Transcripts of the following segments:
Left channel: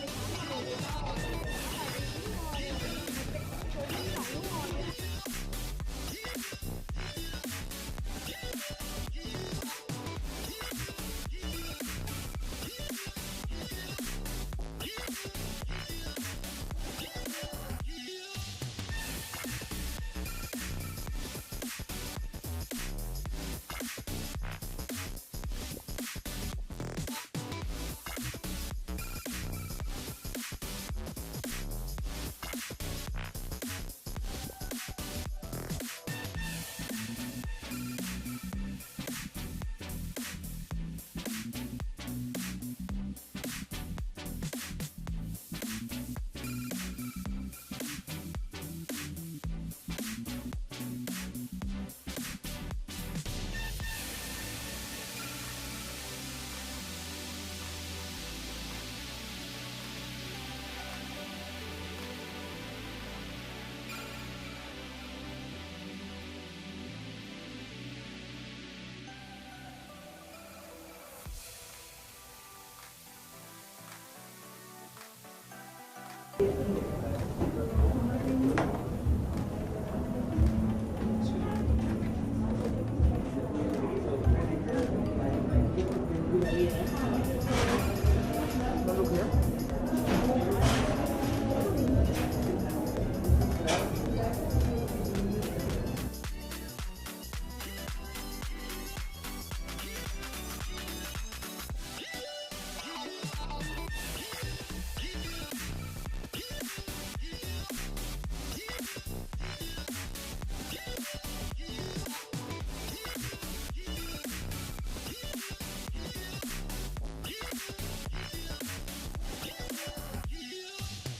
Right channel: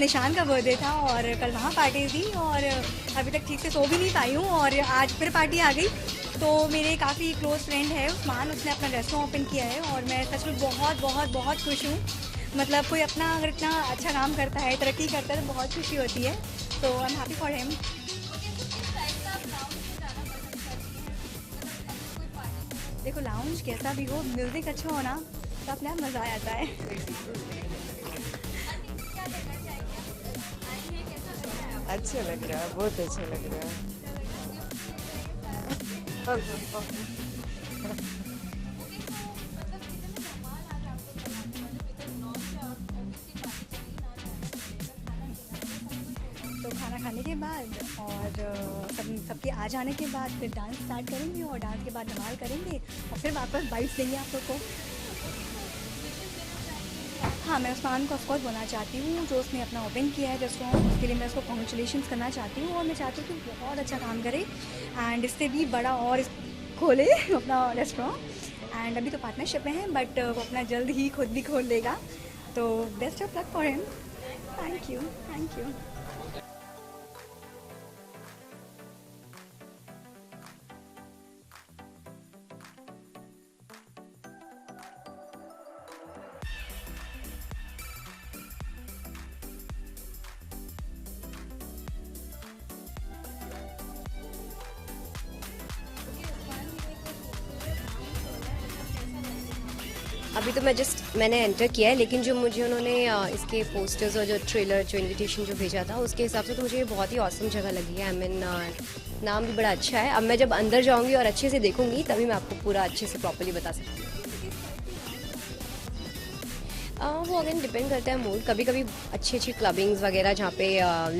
निशान का बर्थडे था और कल वहाँ पार्टी थी और अभी तक ठीक से सो भी नहीं पाई हूँ और आज फिर पार्टी आ गई। तो मेरे काफ़ी क्लोज़ फ्रेंड है उस्मान, उसने अपना रेस्टोरेंट ओपन किया है और मैं सच में बहुत बहुत बहुत खुश हूँ। मतलब कोई अपना अगर इतना अच्छा काम करता है, तरक्की करता है तो बहुत खुशी होती है। तो I am happy for him. देखो लाउंज कैसा भी हो, म्यूज़िक अच्छा हो ना तो अपने आप मज़ा आ जाता है। अच्छा लग रहा है, बहुत अच्छा लग रहा है। तो खाना खाने के बाद और सबके आ जाने के बाद फिर डांस स्टार्ट करेंगे और डांस के बाद धमाल करेंगे और फिर वापस बाइट देंगे आप लोग को। हाँ, मैं उस्मान को ऑफकोर्स बोलना चाहती हूँ जो उसने अपना ओपन किया है रेस्टोरेंट, उसके लिए मैं उसको कॉन्ग्रेचुलेशन करना चाहती हूँ और मैं चाहती हूँ कि बहुत अच्छा काम करे एंड इससे भी बड़ा और खोले अपना रेस्टोरेंट। एंड अभी तो पार्टनरशिप में है बट वो अपना जल्द ही खुद भी खोल लेगा। तो best of luck for him. Thank you, thank you. अभी तो मैंने एंटर किया है, लेकिन जो मुझे उन्होंने इसके पोस्टर्स और जो ट्रेलर जो इनविटेशन जो भेजा था उसके हिसाब से तो मुझे बहुत ही ऑसम जगह लगी है। आई मीन नाम भी बड़ा अच्छा है। अब मैं जब अंदर जाऊंगी और अच्छे से देखूंगी तभी मैं आपको पूरा अच्छे से प्रॉपर्ली बता सकती हूँ। वो अगेन डिपेंड करता है मूड। कभी कभी अच्छी अच्छी क्लबिंग्स वगैरह जहाँ पे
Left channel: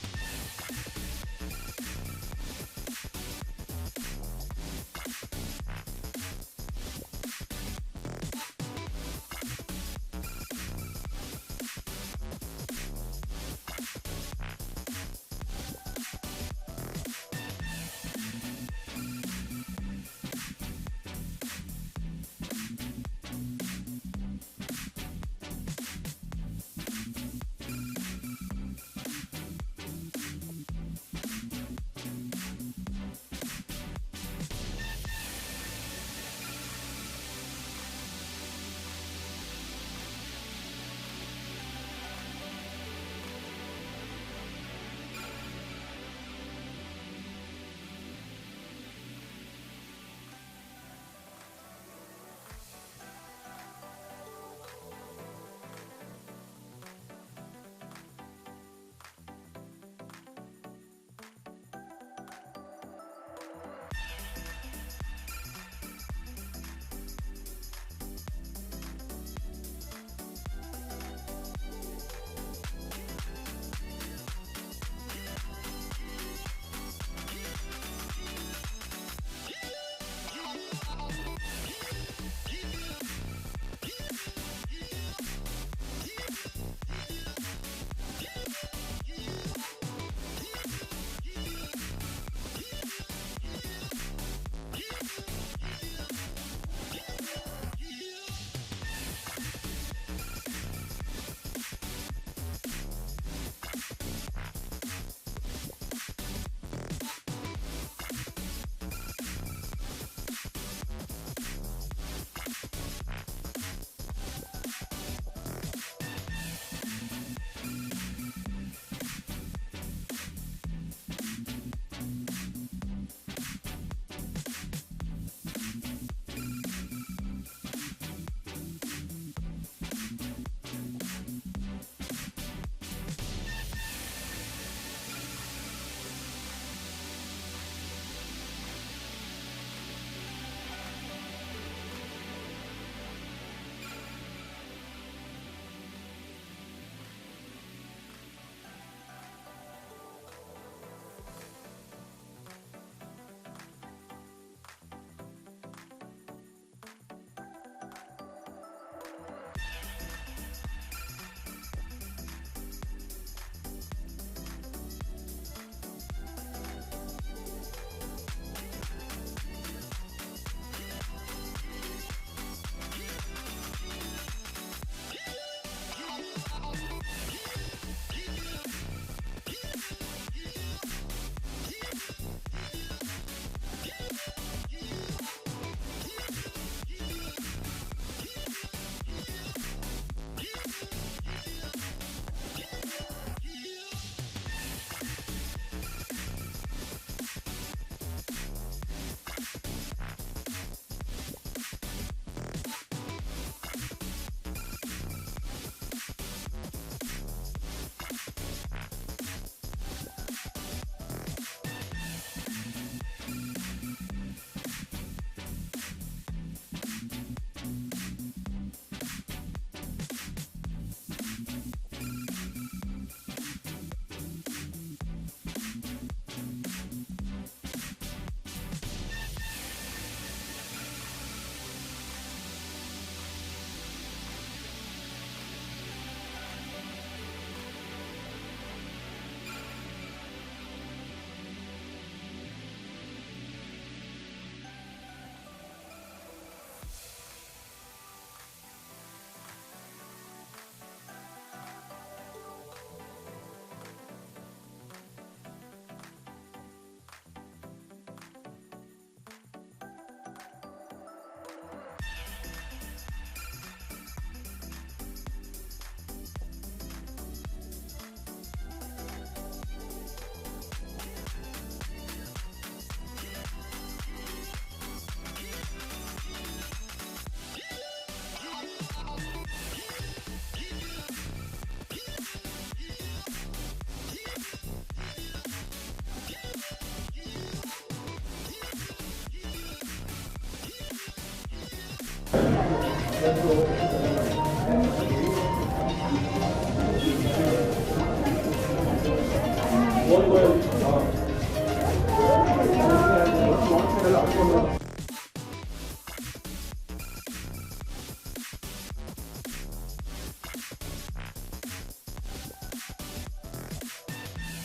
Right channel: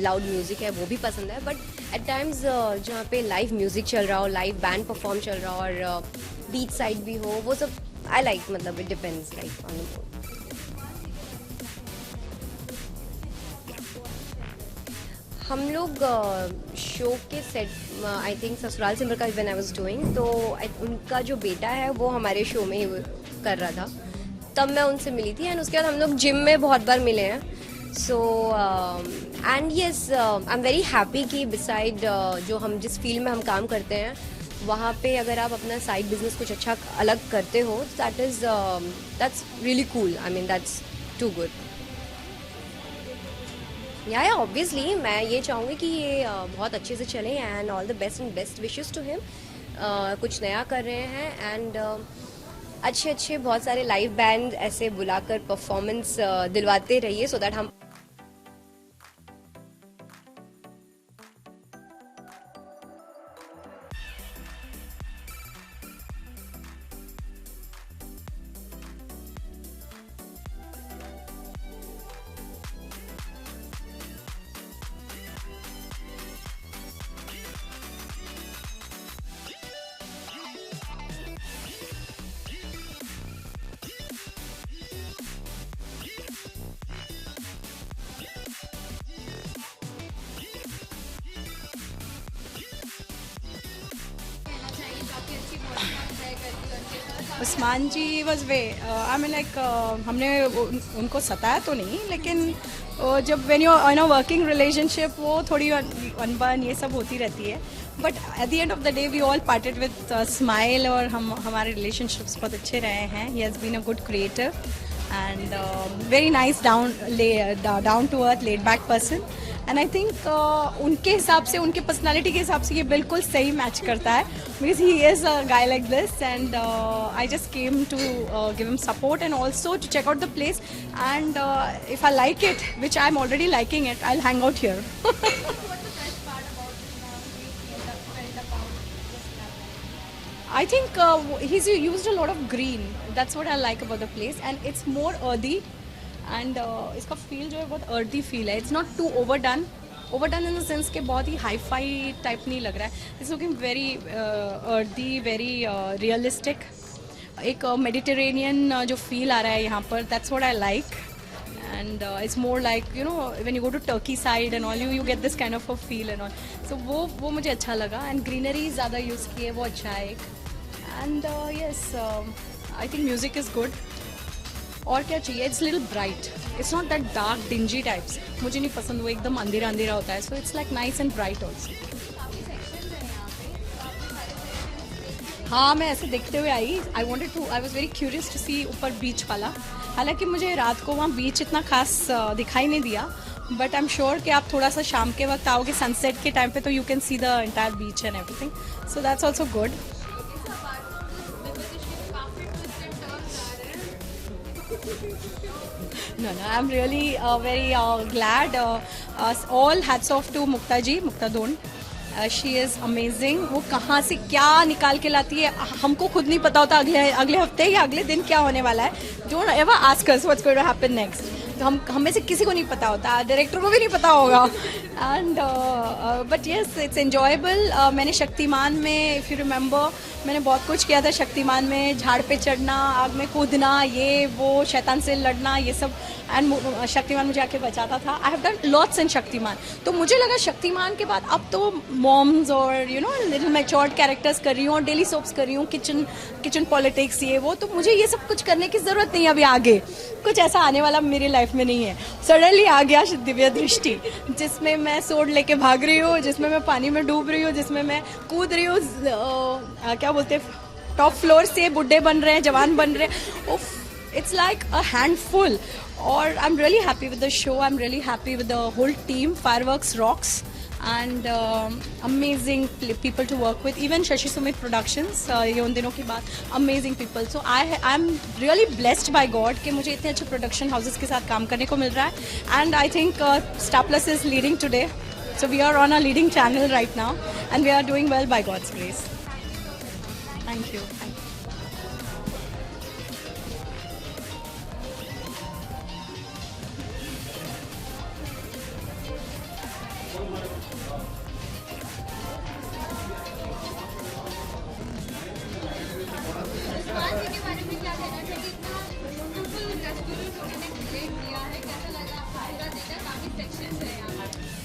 लाउड म्यूज़िक है वो भी पसंद है, बट एट टाइम्स जहाँ पे लाइव म्यूज़िक चल रहा हो, लाइव बैंड परफॉर्म चल रहा हो और बीच साइड भी हो, वो सब आई लाइक। मतलब it depends like on the. हम लोग शो के set I think Sasural Simar का व्हेन आई वाज डूइंग, तो उनका जो बेटा है वो हमारे शो में ही कर रहा था, तब मैं उनसे मिली थी। एंड उसके बाद हम लोग जिम में बहुत बार मिले हैं। So and yes I am very happy कि बिसाइड जो हम जिस फील्ड में हम काम करते हैं वहाँ पे अगर आप अपना साइड बिजनेस कुछ अच्छा अलग करते हो, that's really cool. I mean that's too good. Yeah obviously मैं ये चाहूँगी कि ये बहुत अच्छे से चले and all the best and best wishes to him. कुछ नया कर रहे हैं एंड अच्छे अच्छे बहुत सारे लाइव बैंड ऐसे बुलाकर परफॉर्मेंस दिलवाते रहिए सो दैट हम उस्मान जी वॉज वे आई मीन लाइक हमने उनको सताया तो नहीं, लेकिन जब when you in a working relationship वो थोड़ी अनबन ये सब होती रहती है, but at the end of the day we all parted with smile और हमारे रिलेशनशिप्स बहुत अच्छे रहे हैं। He has been a good creator and very nice down to earth laid back person and I think उनके हिसाब से, उनके पर्सनालिटी के हिसाब से ये बिल्कुल सही मैच करता है, because he is a guy like this and I just came to give him support and also to check out the place and if I like it, which I am already liking it, I will hang out here. I think he's used a lot of green. That's what I like about the place, and it's more earthy. And इसका feel जो है बहुत earthy feel है. It's not too overdone. Overdone in the sense कि बहुत ही hi-fi type नहीं लग रहा है. It's looking very earthy, very realistic. एक Mediterranean जो feel आ रहा है यहाँ पर. That's what I like. And it's more like, you know, when you go to Turkey side and all, you get this kind of a feel and all. So वो मुझे अच्छा लगा. And greenery ज़्यादा use की है, वो अच्छा है. And yes, I think music is good. और क्या चाहिए, it's little bright, it's not that dark dingy types, मुझे नहीं पसंद वो एकदम अंधेरा अंधेरा होता है, so it's like nice and bright also. हाँ, मैं ऐसे देखते हुए आई, I was very curious to see ऊपर बीच वाला। हालांकि मुझे रात को वहाँ बीच इतना खास दिखाई नहीं दिया, बट आई एम श्योर कि आप थोड़ा सा शाम के वक्त आओगे सनसेट के टाइम पे तो you can see the entire beach and everything, so that's also good. No, I'm really very glad. All hats off to Mukta ji, Mukta Don. She is amazing. वो कहाँ से क्या निकाल के लाती है, हमको खुद नहीं पता होता अगले हफ्ते या अगले दिन क्या होने वाला है। Don't ever ask us what's going to happen next. तो हम में से किसी को नहीं पता होता, डायरेक्टर को भी नहीं पता होगा। And but yes, it's enjoyable. मैंने शक्तिमान में, इफ़ यू रिमेंबर, मैंने बहुत कुछ किया था शक्तिमान में, झाड़ पे चढ़ना, आग में कूदना, ये वो, शैतान से लड़ना, ये सब। एंड शक्तिमान मुझे आके बचाता था। आई हैव डन लॉट्स इन शक्तिमान। तो मुझे लगा शक्तिमान के बाद अब तो मॉम्स और लिटिल मैच्योर्ड कैरेक्टर्स कर रही हूँ और डेली सोप्स कर रही हूँ, किचन पॉलिटिक्स, ये वो, तो मुझे ये सब कुछ करने की ज़रूरत नहीं है अभी आगे। कुछ ऐसा आने वाला मेरी लाइफ में नहीं है। सडनली आ गया दिव्य दृष्टि, जिसमें मैं सोड लेके भाग रही हूँ, जिसमें मैं पानी में डूब रही हूँ, जिसमें मैं कूद रही हूँ, क्या बोलते हैं, टॉप फ्लोर से बुढ़े बन रहे हैं, जवान बन रहे हैं। It's like a handful. Or I'm really happy with the show. I'm really happy with the whole team. Fireworks rocks, and amazing people to work with. Even Shashi Sumit Productions, ये उन दिनों की बात, amazing people. So I'm really blessed by God कि मुझे इतने अच्छे production houses के साथ काम करने को मिल रहा है. And I think Star Plus is leading today. So we are on a leading channel right now, and we are doing well by God's grace. Thank you.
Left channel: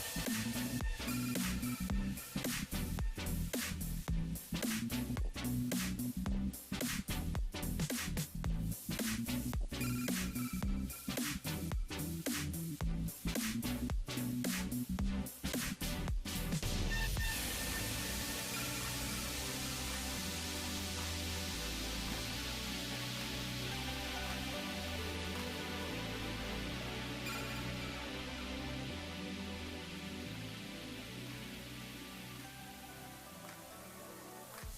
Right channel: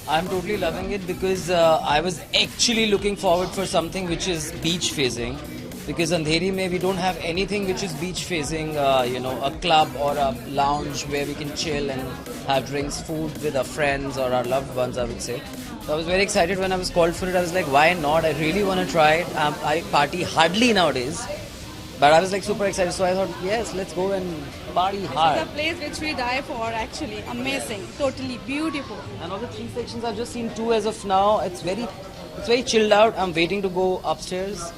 I'm totally loving it because I was actually looking forward for something which is beach facing, because Andheri mein we don't have anything which is beach facing, a club or a lounge where we can chill and have drinks, food with our friends or our loved ones, I would say. So I was very excited when I was called for it. I was like, why not? I really want to try it. I party hardly nowadays, but I was like super excited, so I thought, yes, let's go and party hard. It's a place which we die for, actually. Amazing, totally beautiful. And all the 3 sections, I've just seen 2 as of now. It's very chilled out. I'm waiting to go upstairs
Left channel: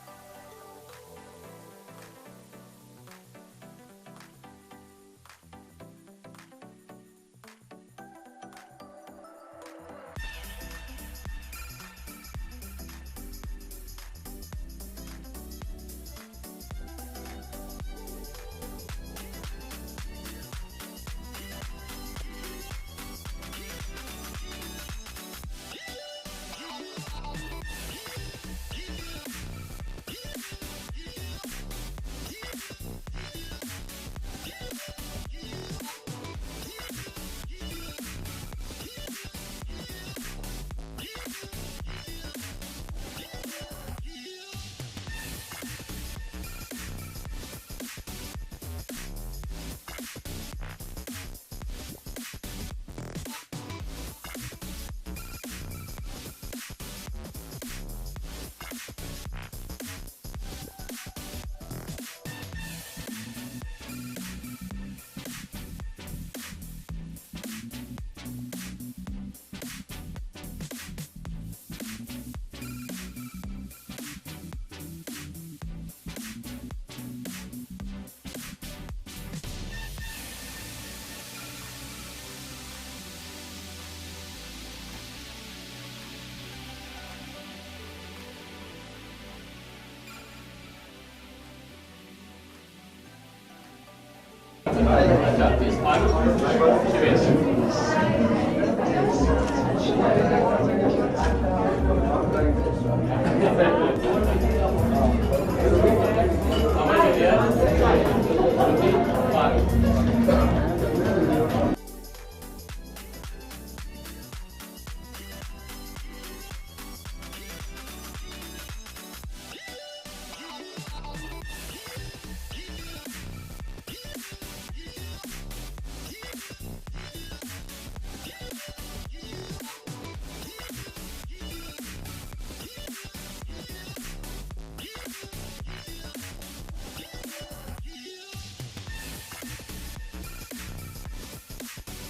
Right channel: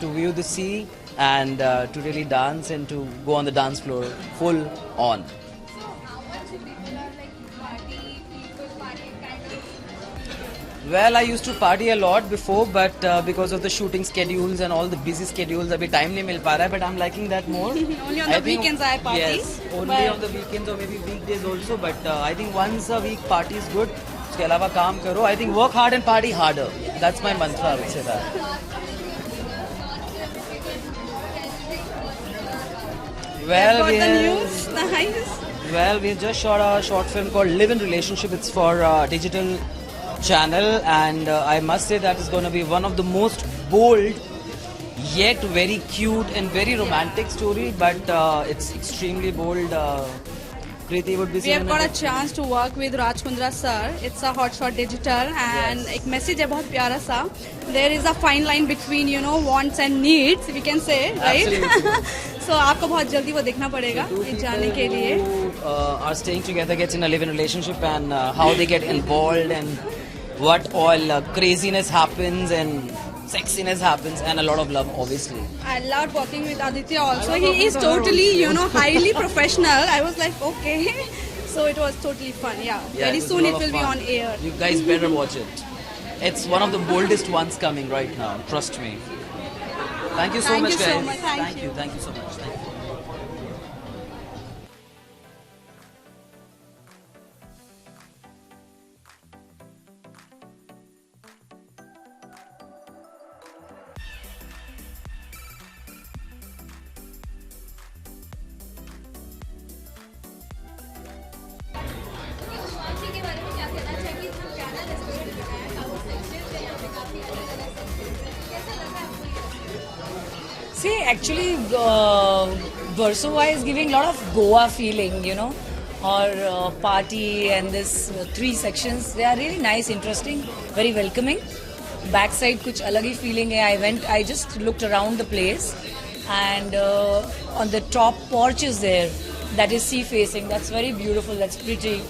to view the sea and to really dance and to go on the dance floor full on. Well, I used to party a lot before, but because of the shooting schedules and all the busy schedules, abhi time nahi mil pa raha hai, but I'm liking that more. Only on the weekends I party. Yes, only on the weekends or maybe weekdays also, but I think once a week party is good. Uske alawa kaam karo. I think work hard and party harder. That's my mantra, I would say that. Well, we just shot a short film called Live in Relationship. It's for digital channel, and I must say that is going to be one of the most bold yet very cute and very romantic story, but it's extremely bold. Preeti would be We have got a chance to work with Raj Kundra sir. It's a hotshot digital, and एक message है बहुत प्यारा सा. There is a fine line between wants and needs, we can say, right? So आपको बहुत जल्दी वो देखना पड़ेगा ये जाने के लिए. Are staying together, gets in a live-in relationship, and how they get involved and what all craziness happens and sexiness happens, and a lot of love, obviously. I loved working with Aditya also. He is totally, highly professional. I was like, okay. So it was totally fun, yeah. Very soon it will be on air. You guys better watch it. It's one of the boldest ones coming right now, trust me. Thank you so much, guys. Thank you so much. Thank you so much. Thank you. See, actually, Versova is giving a lot of Goa feeling, you know, or party and this 3 sections. They are really nice, interesting, very welcoming. Backside कुछ अलग ही feeling है. I just looked around the place, and on the top porch is there. That is sea facing. That's very beautiful. That's pretty.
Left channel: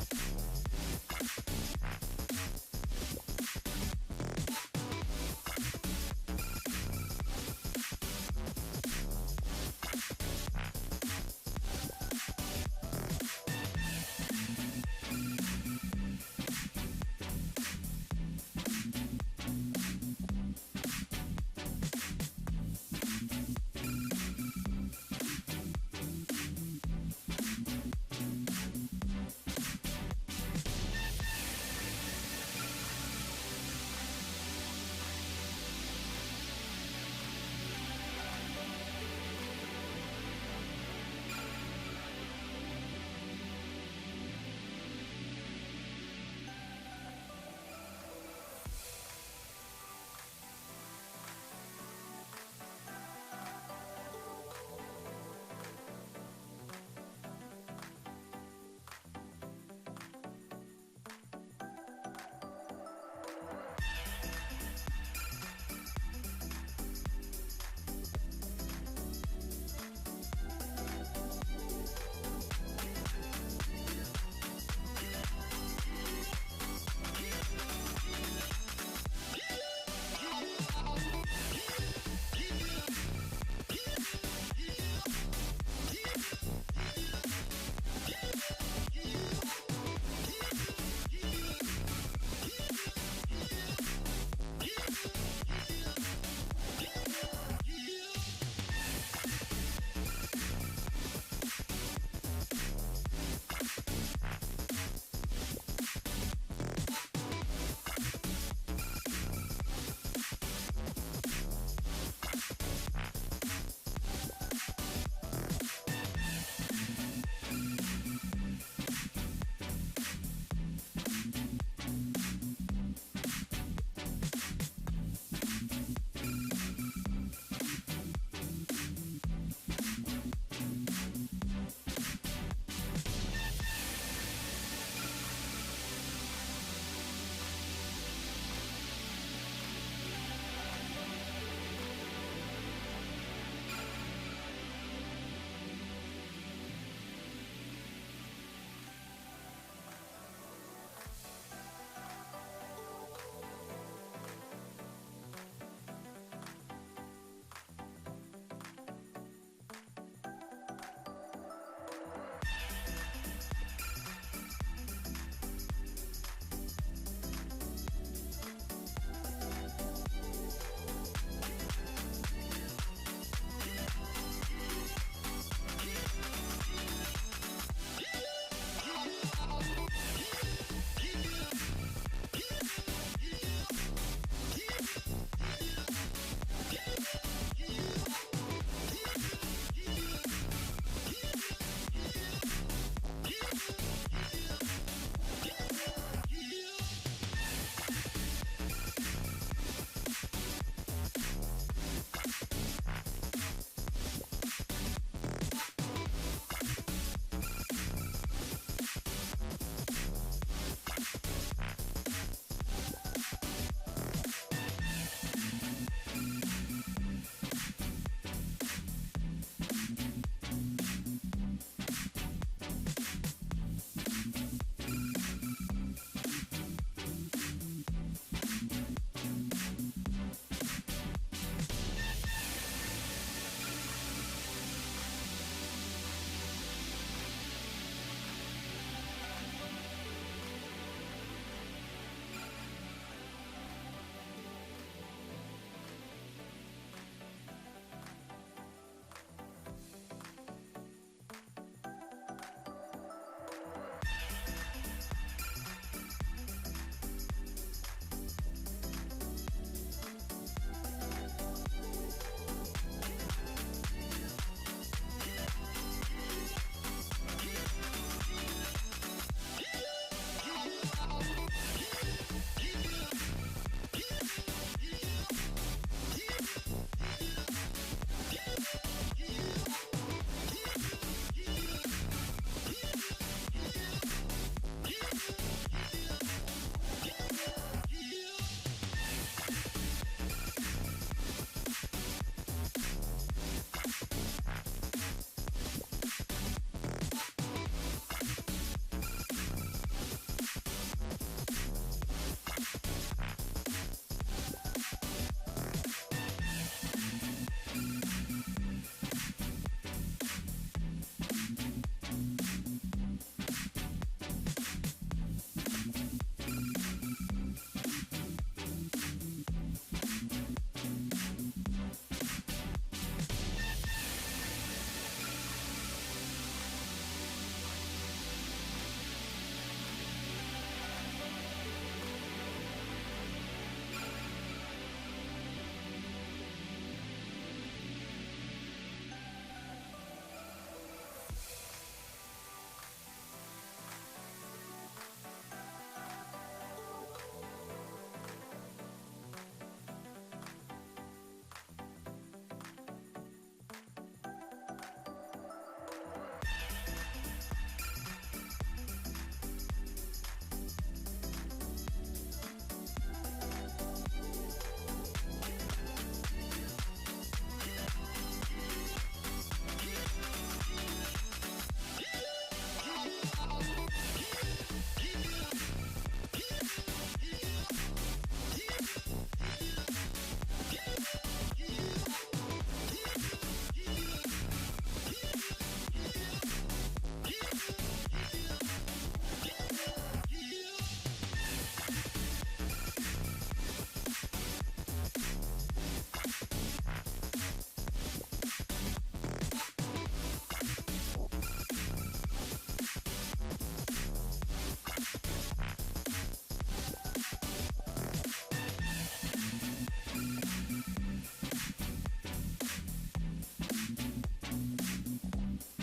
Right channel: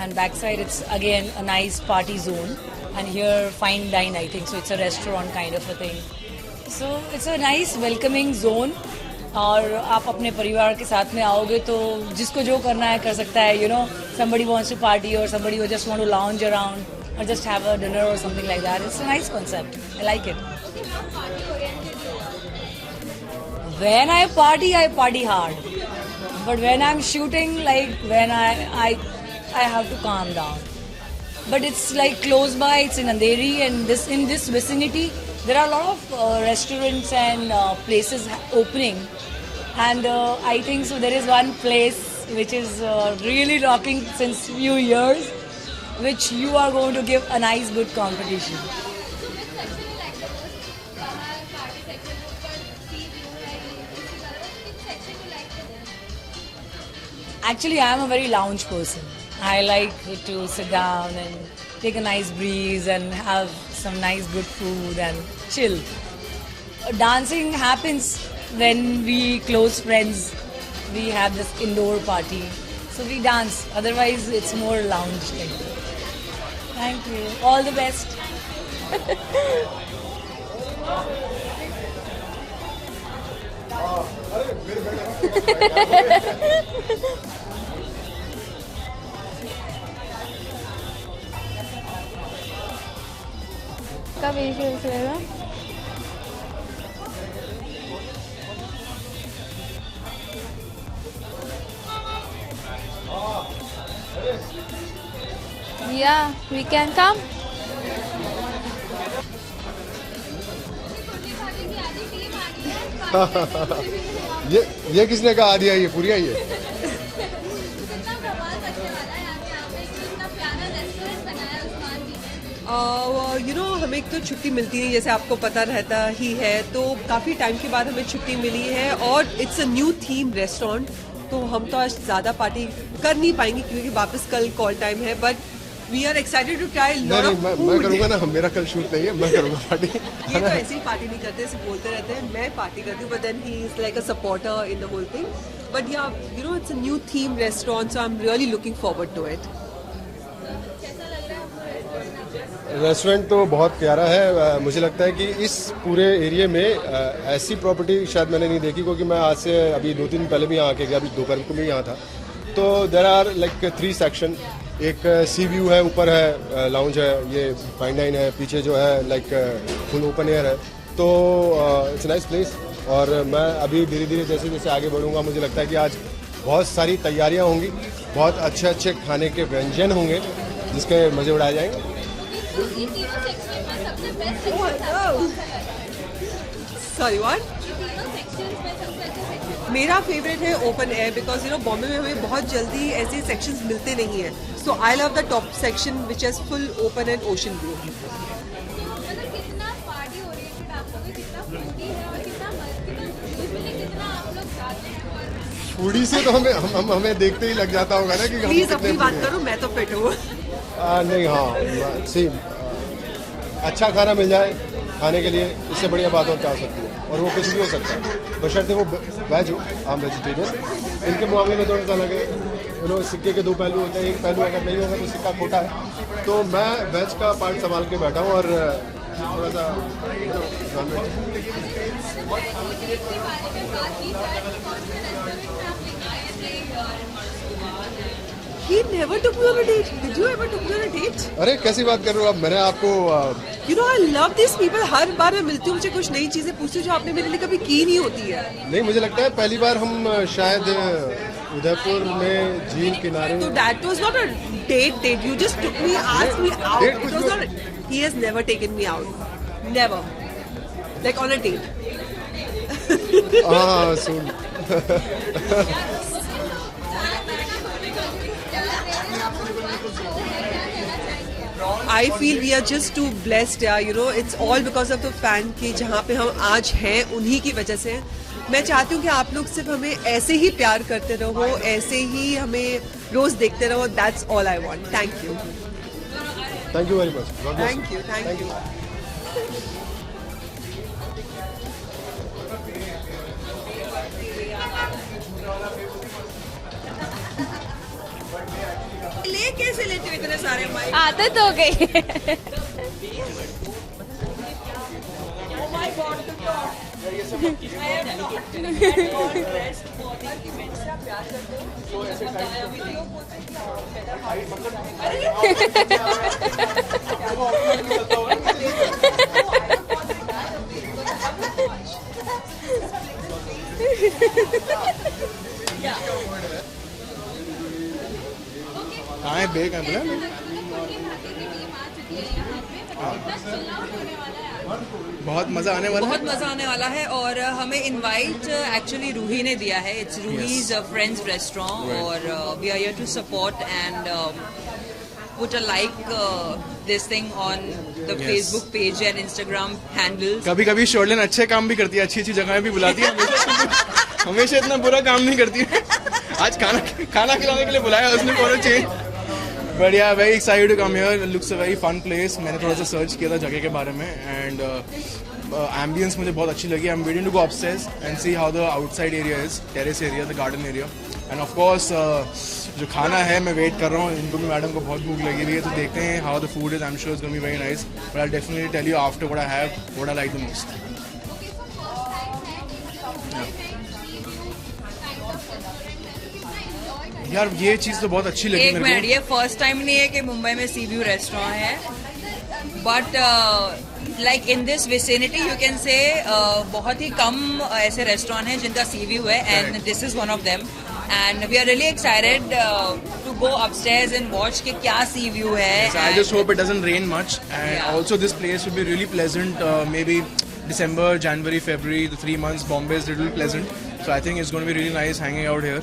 And backside it's again a nice party zone. And here fine dine, I think. So it's a restaurant kind of a thing. So it's a nice welcoming zone. और आप अपने परिवार के साथ में आओगे तो जिसको जो करना है कर सकता है, you know, somebody wants to party or somebody who just want to lounge around or just have a dinner or something like that. It's a nice concept. I like it. When I party hard. But when I'm shooting, like when I have to calm down. But it's like close by, it's in Andheri, and in this vicinity, there are a lot of restaurants and places opening. And I think so there is one place which is really rocking since few years, which you are going to give a nice good competition. Actually, I am a very lounge person. I like to sit down and take a nice breeze and have some nice good food and chill. Dancing happens when we close friends. We have this indoor party. So we dance. Otherwise, it's more lounge like. Thank you. All the best. कब एक रहेगा? Yeah, we can come. ये किसने कहा आधी आई है, पूरी आई है? हमें एक तो छुट्टी मिलती है, जैसे आपको पता रहता ही है, तो काफ़ी टाइम के बाद हमें छुट्टी मिली है और it's a new theme restaurant, तो हम तो आज ज़्यादा पार्टी कर नहीं पाएंगे क्योंकि वापस कल कॉल टाइम है, but we are excited to try lot of food. मैं करूँगा ना, मेरा कल शूट नहीं है, मैं करूँगा पार्टी। ये तो ऐसे ही पार्टी नहीं करते, सिर्फ बोलते रहते हैं मैं पार्टी करती हूँ, but then he is like a supporter in the whole thing, but yeah you know it's a new theme restaurant, so I am really looking forward to it. Restaurant तो बहुत प्यारा है। मुझे लगता है कि इस पूरे एरिया में ऐसी प्रॉपर्टी शायद मैंने नहीं देखी, क्योंकि मैं आज से अभी 2-3 दिन पहले भी यहाँ आके गया, अभी दोपहर को भी यहाँ था। तो देयर आर लाइक 3 सेक्शन, एक सी व्यू है, ऊपर है लाउंज है, ये फाइन डाइन है, पीछे जो है लाइक फुल ओपन एयर है, तो इट्स नाइस प्लेस। और मैं अभी धीरे धीरे जैसे जैसे आगे बढ़ूँगा, मुझे लगता है कि आज बहुत सारी तैयारियाँ होंगी, बहुत अच्छे अच्छे खाने के व्यंजन होंगे जिसके मज़े उड़ाए जाएंगे। Sorry what? मेरा फेवरेट है open air, because you know Bombay में हमें बहुत जल्दी ऐसे सेक्शंस मिलते नहीं हैं, so I love the top section which is full open and ocean view. Foodie से तो हमें देखते ही लग जाता होगा ना कि प्लीज अपनी बात करो, मैं तो फिट हूँ। नहीं, हाँ सी अच्छा खाना मिल जाए खाने के लिए, इससे बढ़िया बात और क्या हो सकती है, और वो कुछ भी हो सकता है, बशर्ते वो वेज हो, हम वेजिटेरियन। इनके मामले में थोड़ा सा लगे, यू नो सिक्के के 2 पहलू होते हैं, एक पहलू अगर नहीं होगा तो सिक्का खोटा है, तो मैं वेज का पार्ट संभाल के बैठा हूँ और थोड़ा सा He never took me on a date. Did you ever took me on a date? अरे कैसी बात कर रहे हो आप? मैंने आपको You know I love these people. हर बार मैं मिलती हूँ, मुझे कुछ नई चीजें पूछती जो आपने मेरे लिए कभी की नहीं होती है। नहीं, मुझे लगता है पहली बार हम शायद उदयपुर में झील किनारे। So that was not a date. You just took me, asked me out. Date It was not. He has never taken me out. Never. Like on a date. हाँ सुन। I feel we are just too blessed, you know, it's all because of the fan कि जहाँ पे हम आज हैं उन्हीं की वजह से। मैं चाहती हूँ कि आप लोग सिर्फ हमें ऐसे ही प्यार करते रहो, ऐसे ही हमें रोज देखते रहो। That's all I want. Thank you very much. Thank you. ले कैसे लेते हो इतने सारे माइक? आदत हो गई। कहाँ है बेग है बोला? बहुत मज़ा आने वाला है। बहुत मज़ा आने वाला है और हमें इनवाइट एक्चुअली रूही ने दिया है। इट्स रूहीज फ्रेंड्स रेस्टोरेंट और we are here to support and put a like this thing on the Facebook page and Instagram handles. कभी कभी शोरलिन अच्छे काम भी करती है, अच्छी अच्छी जगह भी बुलाती है, हमेशा इतना बुरा काम नहीं करती है। आज खाना खिलाने के लिए बुलाया उसने, for change. But yeah very excited to come here, looks a very fun place. मैंने थोड़ा सा सर्च किया था जगह के बारे में एंड एम्बियंस मुझे बहुत अच्छी लगी। I am waiting to go upstairs and see how the outside area is, terrace area, the garden area. And of course जो खाना है मैं वेट कर रहा हूँ, इनको भी मैडम को बहुत भूख लगी हुई है, तो देखते हैं how the food is. I am sure it's going to be very nice, but I definitely tell you after what I have what I like the most. यार ये चीज़ तो बहुत अच्छी लगी एक मेरे मिनट, को। ये फर्स्ट टाइम नहीं है कि मुंबई में सी व्यू रेस्टोरेंट है, but like in this vicinity you can say बहुत ही कम ऐसे रेस्टोरेंट हैं जिनका सी व्यू है and this is one of them and we are really excited to go upstairs and watch कि क्या सी व्यू है। So I just hope it doesn't rain much, and Yeah. also this place will be really pleasant. Maybe December, January, February, the 3 months Bombay is really pleasant. So I think it's going to be really nice hanging out here.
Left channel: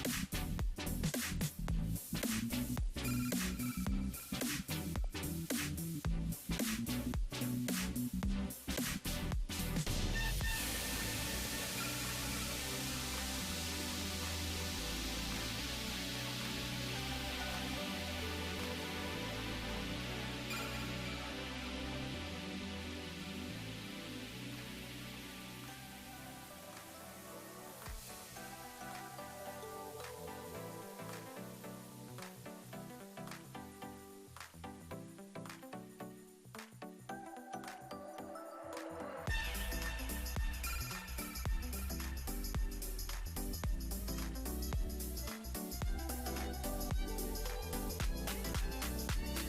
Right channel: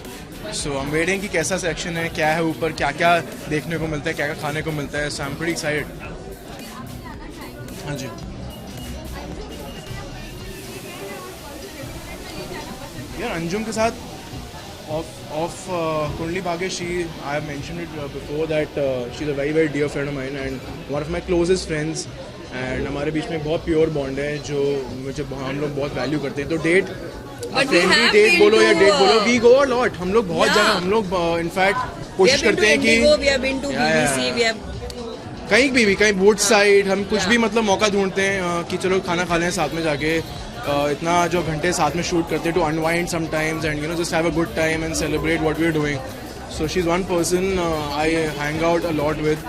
So I'm waiting कि कैसा section है, क्या है ऊपर, क्या क्या देखने को मिलता है, क्या क्या खाने को मिलता है. So I'm pretty excited. हाँ जी. यार अंजुम के साथ of Kundli Bhagesh, I have mentioned it before that she's a very dear friend of mine and one of my closest friends. And हमारे बीच में बहुत प्योर बॉन्ड है जो मुझे हम लोग बहुत वैल्यू करते हैं. तो डेट फ्रेंडली डेट बोलो या डेट बोलो, वी गो अ लॉट. हम लोग बहुत जगह, हम लोग इनफैक्ट कोशिश करते हैं कि कहीं वुड साइड हम कुछ भी मतलब मौका ढूंढते हैं कि चलो खाना खा लें साथ में जाके. इतना जो घंटे साथ में शूट करते हैं to unwind sometimes and you know just have a good time and celebrate what we are doing. So she is one person I hang out a lot with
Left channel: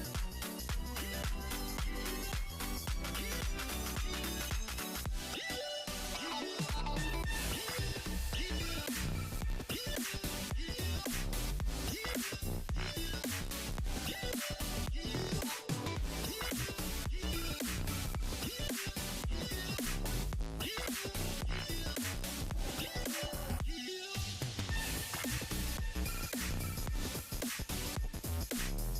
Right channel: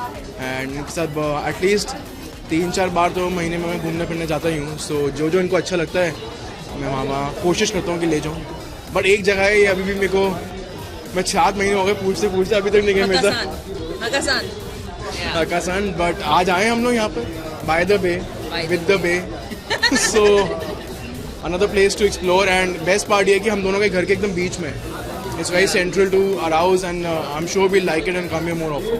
and इनके साथ एटलीस्ट 3-4 बार तो महीने में मैं घूमने फिरने जाता ही हूँ. सो जो इनको अच्छा लगता है मैं वहाँ कोशिश करता हूँ कि ले जाऊँ. बट एक जगह है ये अभी भी मेरे को, मैं 7 महीने हो गए पूछते अभी तक नहीं गए मेरे साथ. हकासान. बट आज आए हम लोग यहाँ पर by the bay with the bay. So another place to explore and best part ये कि हम दोनों के घर के एकदम बीच में. It's very central to our house and I am sure we like it and come here more often.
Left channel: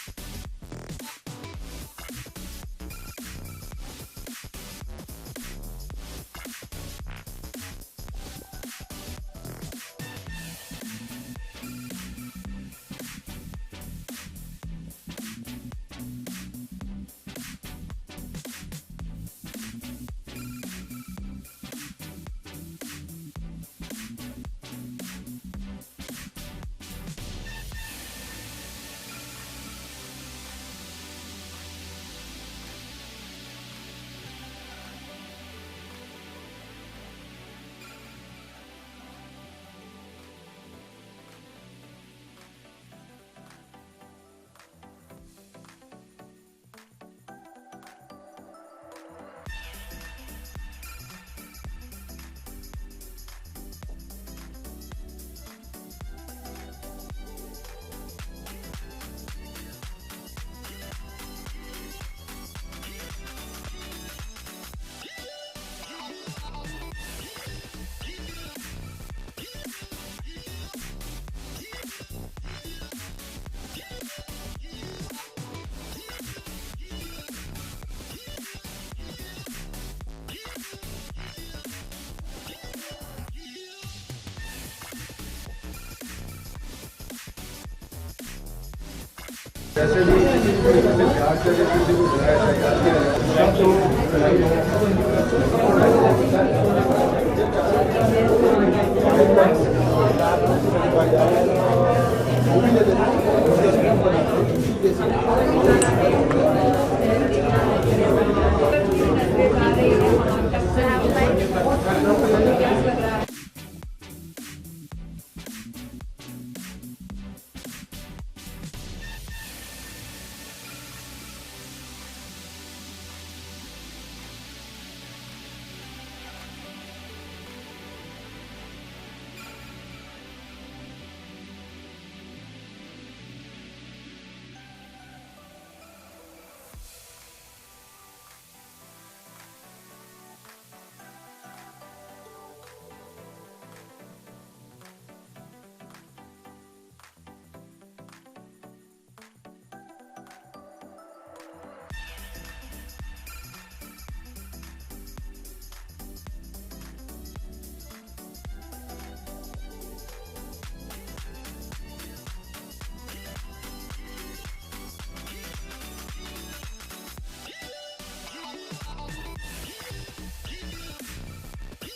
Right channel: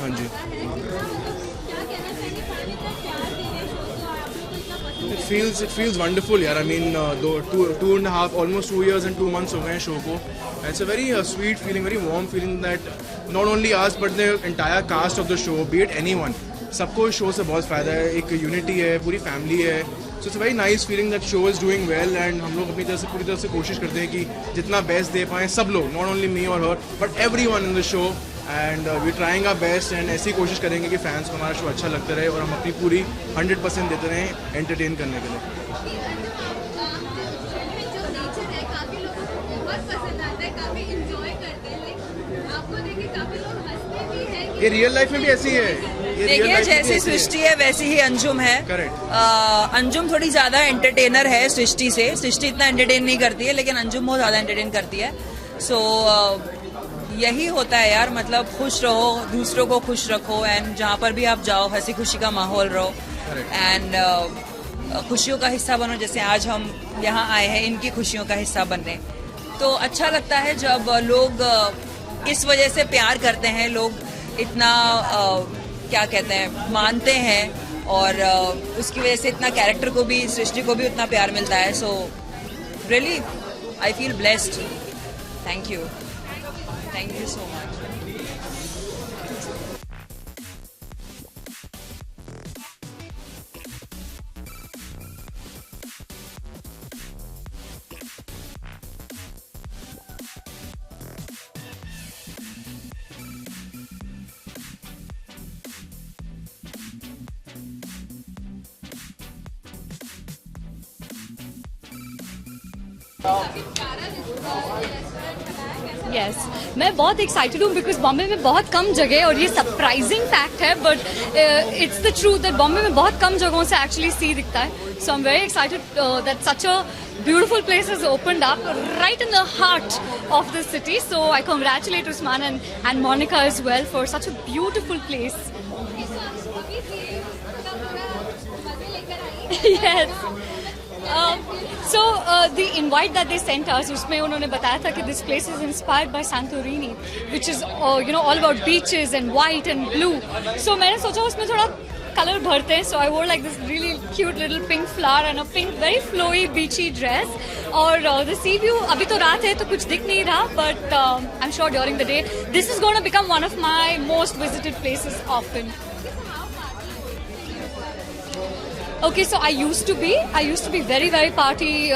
हाँ जी. It feels wonderful यार. I mean two and a half, almost 2 years and 2 months हो गए हैं show को. It's a very sweet feeling, very warm feeling that not only us but the entire cast of the show, be it anyone, सबको इस show से बहुत फ़ायदा है. एक यूनिटी है, पूरी फैमिली है. So it's a very nice feeling that show is doing well and हम लोग अपनी तरफ से पूरी तरह से कोशिश करते हैं कि जितना बेस्ट दे पाएँ सब लोग, नॉट ओनली मी और her but everyone in the show. And we trying our best and ऐसी कोशिश करेंगे कि फैंस को हमारा शो अच्छा लगता रहे और हम अपनी पूरी 100% देते रहें एंटरटेन करने के लिए. ये रियल लाइफ में भी ऐसी है. देखिए जैसी सृष्टि है वैसी ही अंजुम है. अंजुम थोड़ी ज्यादा एंटरटेनर है सृष्टि से. सृष्टि इतना एंटरटेन नहीं करती है लेकिन अंजुम बहुत ज्यादा एंटरटेन करती है. सो यही होता है यार, मतलब खुश रहो, दूसरों को खुश रखो एंड जहाँ पर भी आप जाओ हंसी खुशी का माहौल रहो एंड खुशियों का हिस्सा बनो. जैसे आज हम यहाँ आए हैं इनकी खुशियों का हिस्सा बनने, तो अच्छा लगता है जब लोग इस वजह से प्यार करते हैं. लोग इतना क्या कहते हैं मानते हैं, और उसकी वजह से इतना कैरेक्टर को भी, सृष्टि को भी उतना प्यार मिलता है. So really I feel blessed. Thank you so much. Yes मैं बहुत एक्साइटेड हूँ बिकॉज बॉम्बे में बहुत कम जगह, और ये सरप्राइजिंग फैक्ट है but it's the truth that Bombay में बहुत कम जगहों से एक्चुअली सी दिखता है. So I am very excited that such a beautiful place has opened up right in the heart of the city. So I congratulate Usman and Monica as well for such a beautiful place. Yes. So the invite that they sent us, उसमें उन्होंने बताया था कि this place is inspired by Santorini, which is all about beaches and white and blue. So मैंने सोचा उसमें थोड़ा color भरते हैं. So I wore like this really cute little pink flower and a pink very flowy beachy dress. और the sea view, अभी तो रात है तो कुछ दिख नहीं रहा, but I'm sure during the day this is going to become one of my most visited places often. Okay, so I used to be very, very party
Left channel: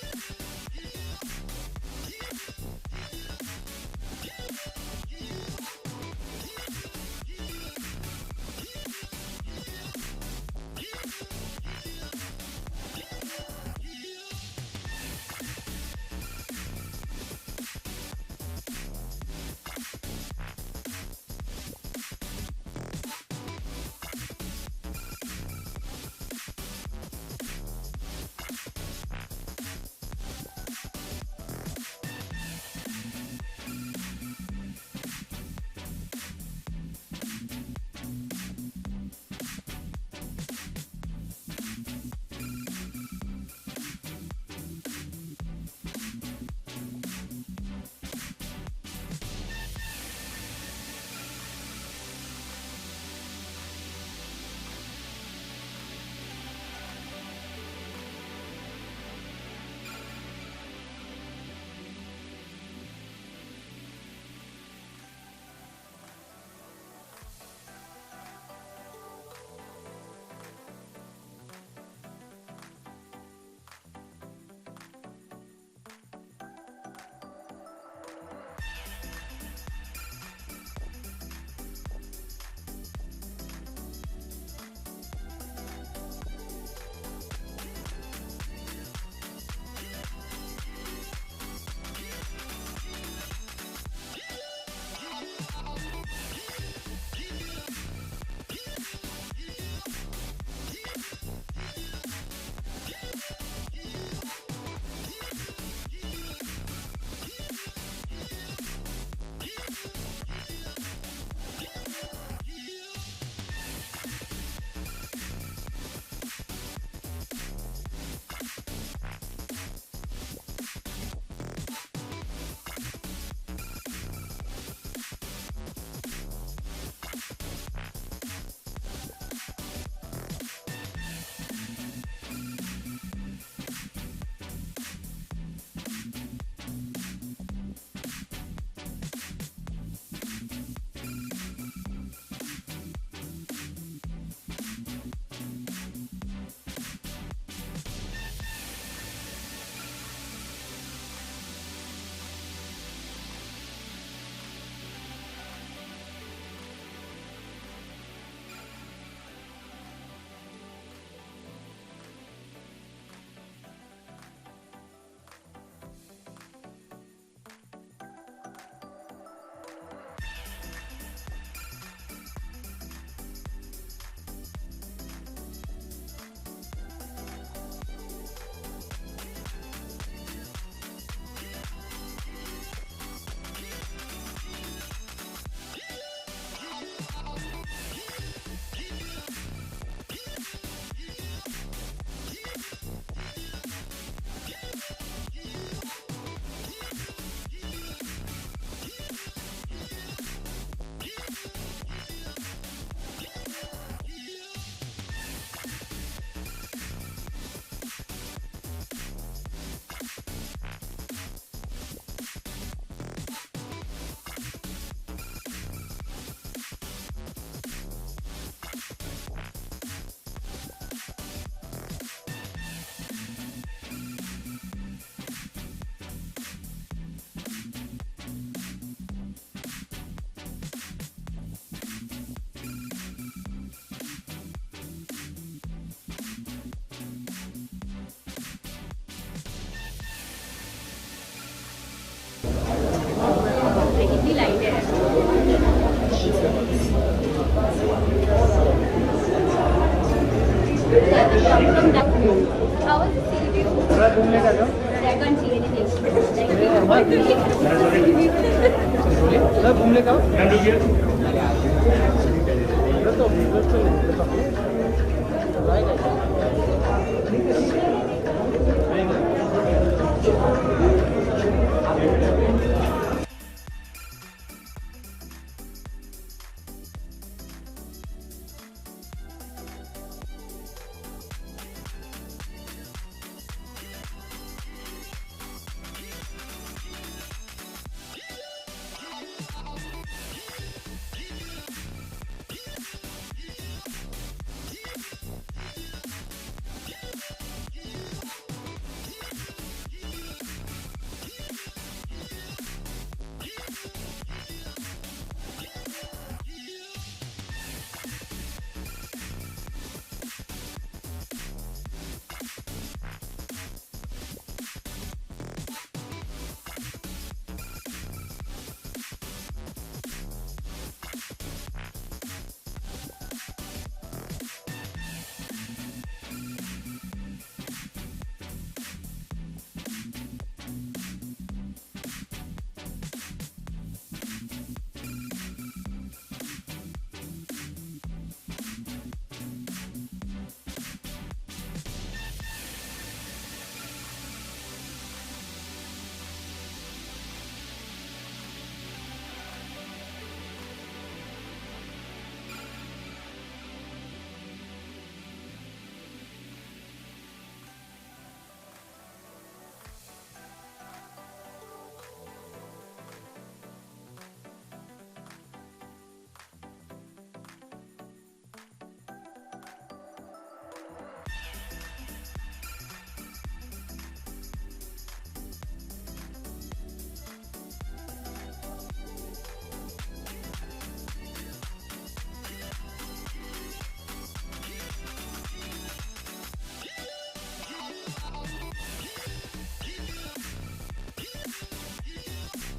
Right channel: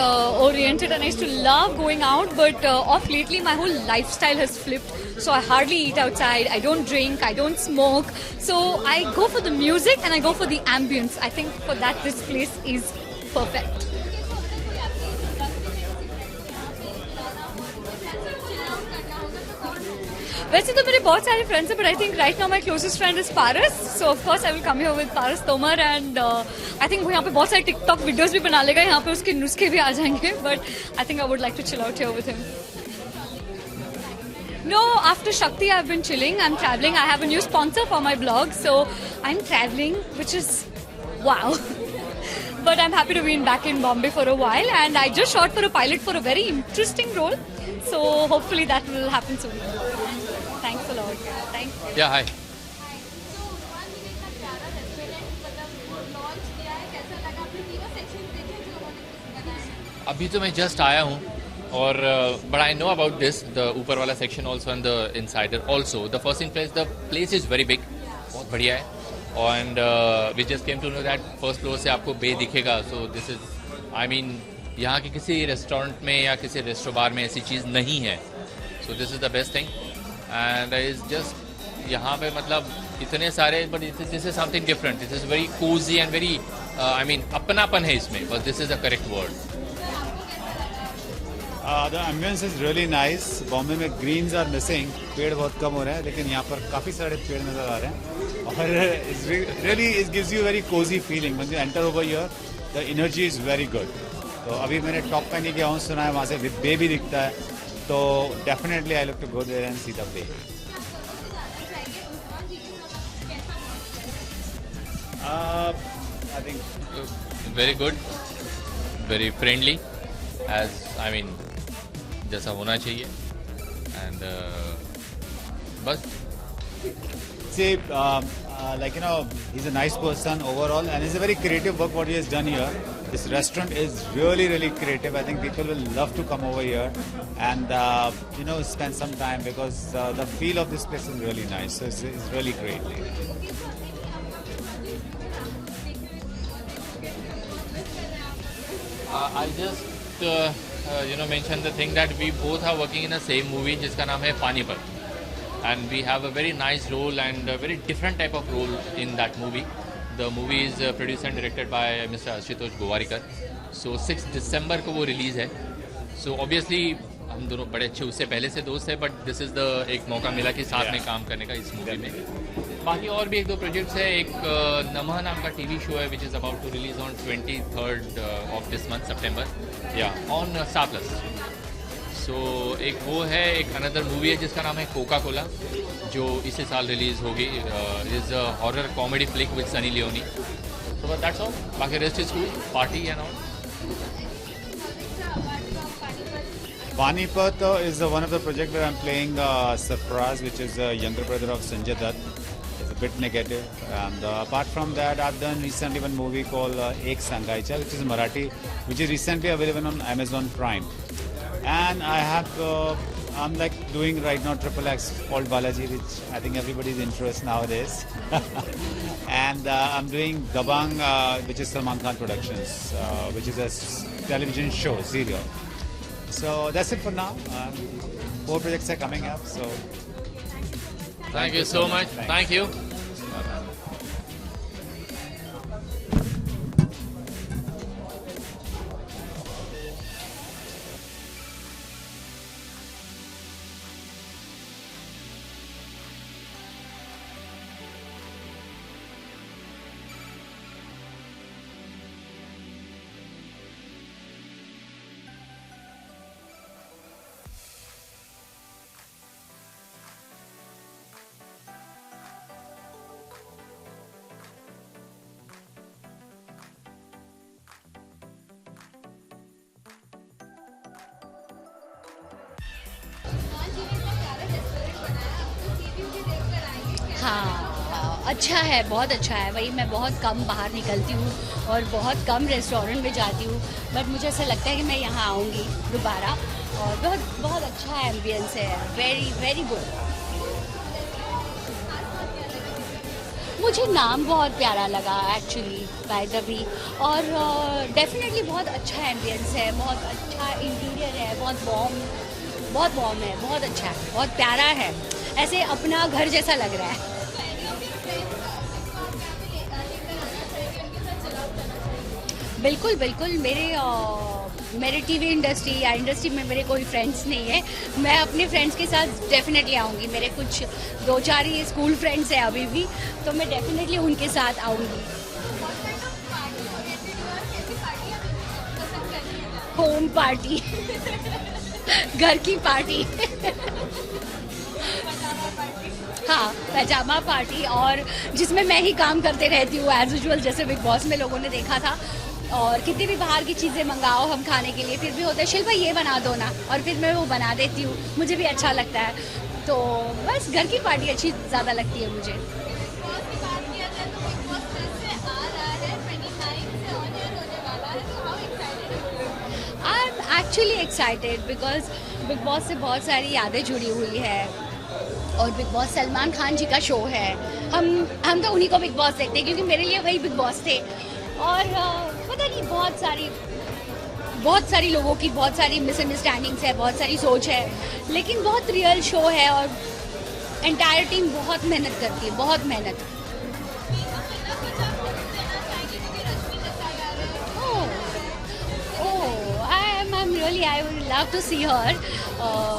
oriented, and I used to love going out, but off lately my whole lifestyle has flipped. So I hardly eat outside, I don't drink, I don't smoke. So I go for the music and I go for the ambience. I think for that this place is perfect. वैसे तो मेरे बहुत सारे friends हैं, but I think right now my closest friend is Paras. So of course I will come here with Paras Tomar, and I think वो यहाँ पे बहुत सारे TikTok videos भी बना लेगा, यहाँ पे उसके नुस्खे भी आ जाएंगे. But I think I would like to chill out here with him. No, after Shakti I've been chilling. I'm traveling. I have a new sponsor for my blog, so I'm traveling, which is wow. But I'm happy to be back in Bombay for a while, and I just shot for a pilot for a very interesting role. So hopefully that will happen soon. Thanks a lot. Thanks. Yeah, hi. अभी तो मैं just आया हूँ, और but I know about this, the ऊपर वाला section also and the insider also. The first in place, the place is very big, बहुत बढ़िया है. And we just came to know that first floor से आपको बे दिखेगा. So this is, I mean, यहाँ के किसी रेस्टोरेंट में या किसी रेस्टो बार में ऐसी चीज़ नहीं है. So this is the best thing. And is just यहाँ पे मतलब इतने सारे, but this is something different. This is very Cozi and very, I mean, अपनापन है इसमें, बस this is a correct word. The ambience is really nice. Bombay में ग्रीन्स आर मिसिंग, पेड़ बहुत कम हो रहे हैं, लेकिन यहाँ पर काफ़ी सारे पेड़ नज़र आ रहे हैं, और really it gives you very Cozi feeling. When you enter over here the energy is very good. तो अभी मैंने टॉप पे नहीं गया हूँ, सुना है वहाँ से बे भी दिखता है, तो definitely I love to go there and see the bay. I think very good, very friendly, as I mean जैसा होना चाहिए. एंड बस say like he's a nice person overall, and it's a very creative work what he has done here. This restaurant is really creative. I think people will love to come over here and spend some time, because the feel of this place is really nice. So it's really great. I just mention the thing that we both are working in the same movie जिसका नाम है Panipat. And we have a very nice role and a very different type of role in that movie. The movie is produced and directed by Mr. Ashutosh Gowarikar. So 6 December को वो release है. So obviously हम दोनों बड़े अच्छे उससे पहले से दोस्त हैं, बट दिस इज़ द एक मौका मिला कि साथ में काम करने का इस मूवी में. बाकी और भी 1-2 प्रोजेक्ट्स है. एक नमः नाम का टीवी शो है which is about to release on 23rd of this month September, on Star Plus. So एक वो है. एक अनदर मूवी है जिसका नाम है कोका कोला, जो इसी साल रिलीज़ होगी. Is a horror comedy flick with Sunny Leone. तो दैट्स ऑल. बाकी rest is cool, party and all. Panipat is one of the projects where I'm playing Sarfaraz, which is a younger brother of Sanjay Dutt. It's a bit negative. And apart from that, I've done recently one movie called Ek Sangaicha, which is Marathi, which is recently available on Amazon Prime. And I have, I'm like doing right now XXX called Balaji, which I think everybody's interest nowadays. And I'm doing Dabang, which is Salman Khan Productions, which is a television show, serial. So that's it for now. 4 projects are coming up. So Thank you so much. Thank you. हाँ, अच्छा है, बहुत अच्छा है। वही मैं बहुत कम बाहर निकलती हूँ और बहुत कम रेस्टोरेंट में जाती हूँ, बट मुझे ऐसा लगता है कि मैं यहाँ आऊँगी दोबारा। और बहुत अच्छा एम्बियंस है, वेरी वेरी गुड। मुझे नाम बहुत प्यारा लगा एक्चुअली, बाय द वे। और डेफिनेटली बहुत अच्छा एम्बियंस है, बहुत अच्छा इंटीरियर है, बहुत वार्म है, बहुत अच्छा है, बहुत प्यारा है, ऐसे अपना घर जैसा लग रहा है। बिल्कुल बिल्कुल, मेरे टीवी इंडस्ट्री या इंडस्ट्री में मेरे कोई फ्रेंड्स नहीं है। मैं अपने फ्रेंड्स के साथ डेफिनेटली आऊँगी। मेरे कुछ 2-4 ही स्कूल फ्रेंड्स हैं अभी भी, तो मैं डेफिनेटली उनके साथ आऊँगी। होम पार्टी घर की पार्टी हाँ, पैजामा पार्टी, और जिसमें मैं ही काम करते रहती हूँ एज यूजुअल, जैसे बिग बॉस में लोगों ने देखा था। और कितनी भी बाहर की चीज़ें मंगाओ हम खाने के लिए, फिर भी होता है शिल्पा ये बना दो ना, और फिर मैं वो बना देती हूँ, मुझे भी अच्छा लगता है। तो बस घर की पार्टी अच्छी ज़्यादा लगती है मुझे। I am actually excited because big boss से बहुत सारी यादें जुड़ी हुई है, और बिग बॉस सलमान खान जी का शो है। हम तो उन्हीं को बिग बॉस देखते हैं, क्योंकि मेरे लिए वही बिग बॉस थे। और पता नहीं, बहुत सारी लोगों की बहुत सारी मिसअंडरस्टैंडिंग्स है, बहुत सारी सोच है, लेकिन बहुत रियल शो है, और एंटायर टीम बहुत मेहनत करती है, बहुत मेहनत। आई वुड लव टू सी हर।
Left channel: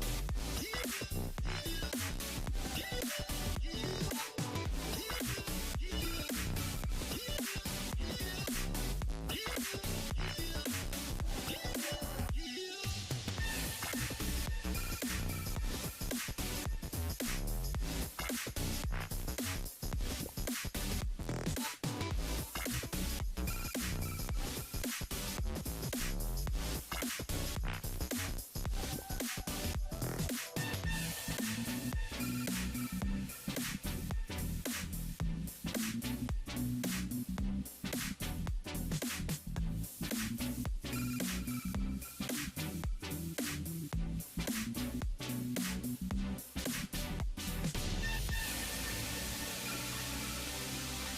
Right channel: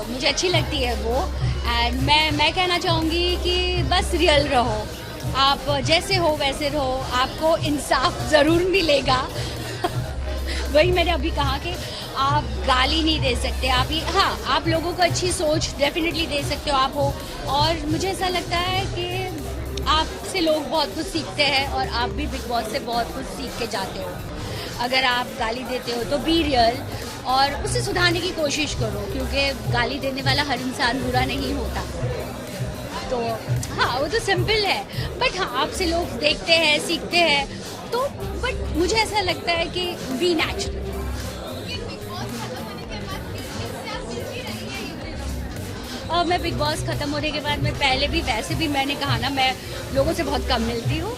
मुझे अच्छी लगती है वो। एंड मैं कहना चाहूँगी कि बस रियल रहो, आप जैसे हो वैसे रहो, आपको इंसाफ ज़रूर मिलेगा। वही मैंने अभी कहा कि आप गाली नहीं दे सकते, हाँ, आप लोगों को अच्छी सोच डेफिनेटली दे सकते हो आप हो। और मुझे ऐसा लगता है कि आपसे लोग बहुत कुछ सीखते हैं, और आप भी बिग बॉस से बहुत कुछ सीख के जाते हो। अगर आप गाली देते हो तो बी रियल, और उसे सुधारने की कोशिश करो, क्योंकि गाली देने वाला हर इंसान बुरा नहीं होता। तो हाँ, वो तो सिंपल है, बट हाँ, आपसे लोग देखते हैं, सीखते हैं, तो बट मुझे ऐसा लगता है कि बी नेचुरल। और मैं बिग बॉस ख़त्म होने के बाद, मैं पहले भी वैसे भी मैंने कहा ना, मैं लोगों से बहुत कम मिलती हूँ,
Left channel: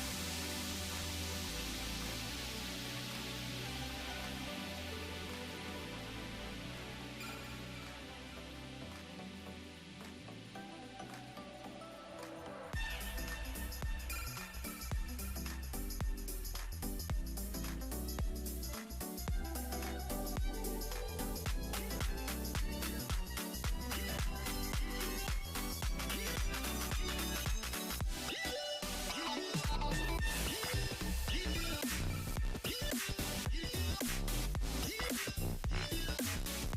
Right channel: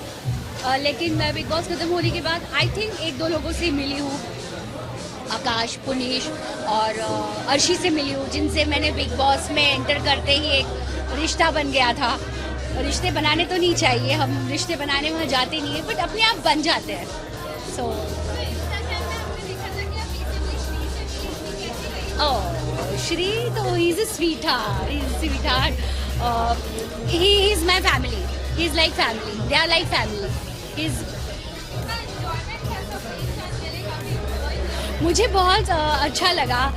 लेकिन मैं बिग बॉस ख़त्म होने के बाद आई थिंक 1-2 लोगों से मिली हूँ, आकाश, पुनीश और अर्शी से मिली हूँ, जिनसे मैंने बिग बॉस में एंटर करते ही एक रिश्ता बन गया था। रिश्ते बनाने तो नहीं चाहिए, हम रिश्ते बनाने वहाँ जाते नहीं हैं, बट अपने आप बन जाते हैं। सो श्री तो he is a sweetheart, he is my family, he is like family, they are like family. मुझे बहुत अच्छा लगा,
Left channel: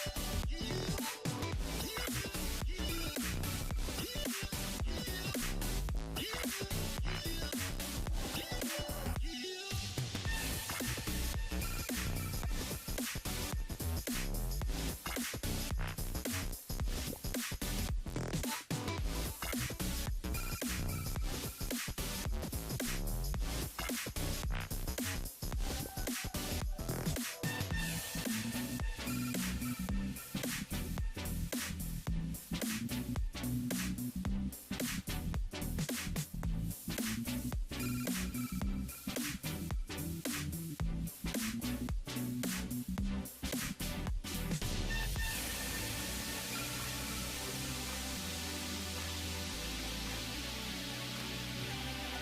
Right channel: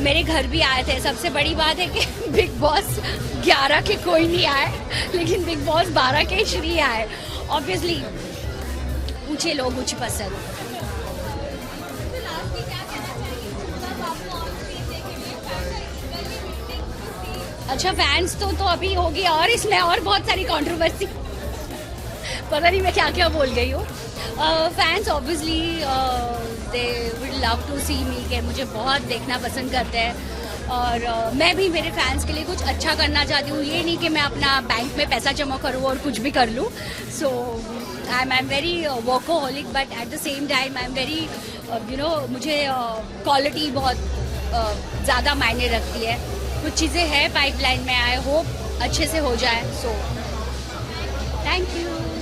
मेरे घर भी आए थे। सबसे बड़ी बात है कि बिग बॉस 11 के कोई नहीं आए, लेकिन बिग बॉस 12 के श्री आए। ऑब्वियसली मुझे लोग कुछ पसंद। अच्छा फैंस तो अभी होगी और इसमें और बहुत सारी कंट्रोवर्सी पता नहीं मैं क्या क्या बोल गई हूँ. Fans obviously they would love to see me कि मुझे बहुत देखना पसंद करते हैं और मैं भी मेरे फैंस के लिए कुछ अच्छा करना चाहती हूँ. ये नहीं कि मैं अपना बैंक में पैसा जमा करूँ और कुछ भी कर लूँ. So I am very workaholic but at the same time I am very मुझे क्वालिटी बहुत ज़्यादा मायने रखती है. कुछ चीज़ें हैं पाइपलाइन में. आई होप अच्छे से हो जाए. So thank you.